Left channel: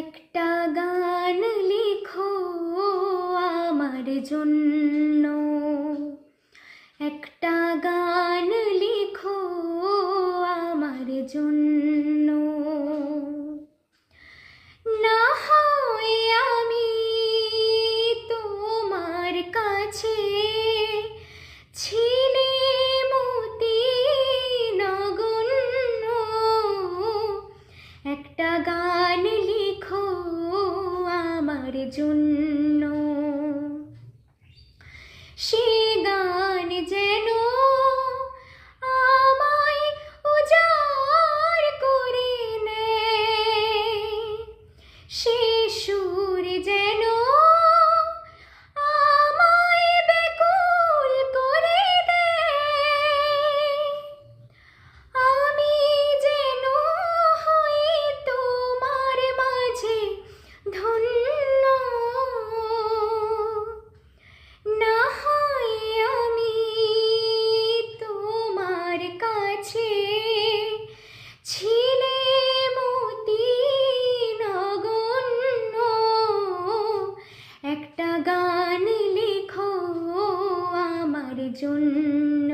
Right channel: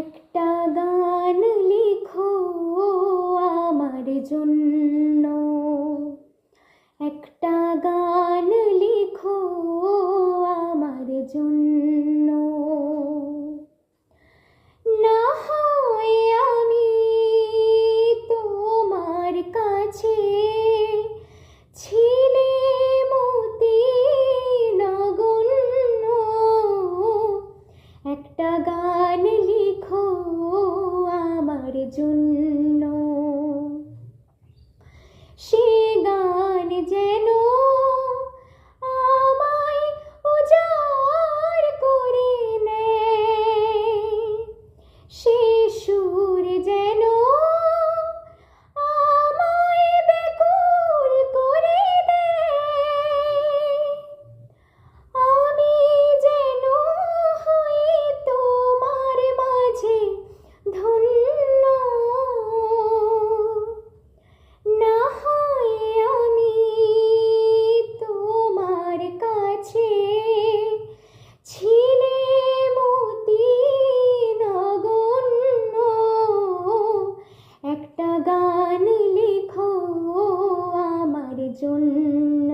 একটা গান লিখো আমার জন্য, একটা গান লিখো আমার জন্য। না হয় আমি তোমার কাছে ছিলে মতি নগণ্য, একটা গান লিখো আমার জন্য। সে গান যেন আমায় উজাড় করে নেয়, সে সুর যেন আমায় ব্যাকুল করে দেয়। আমি যেন হই তোমার মাঝে ধন্য, না হয় আমি তোমার কাছে ছিলে মতি নগণ্য, একটা গান লিখো আমার জন্য।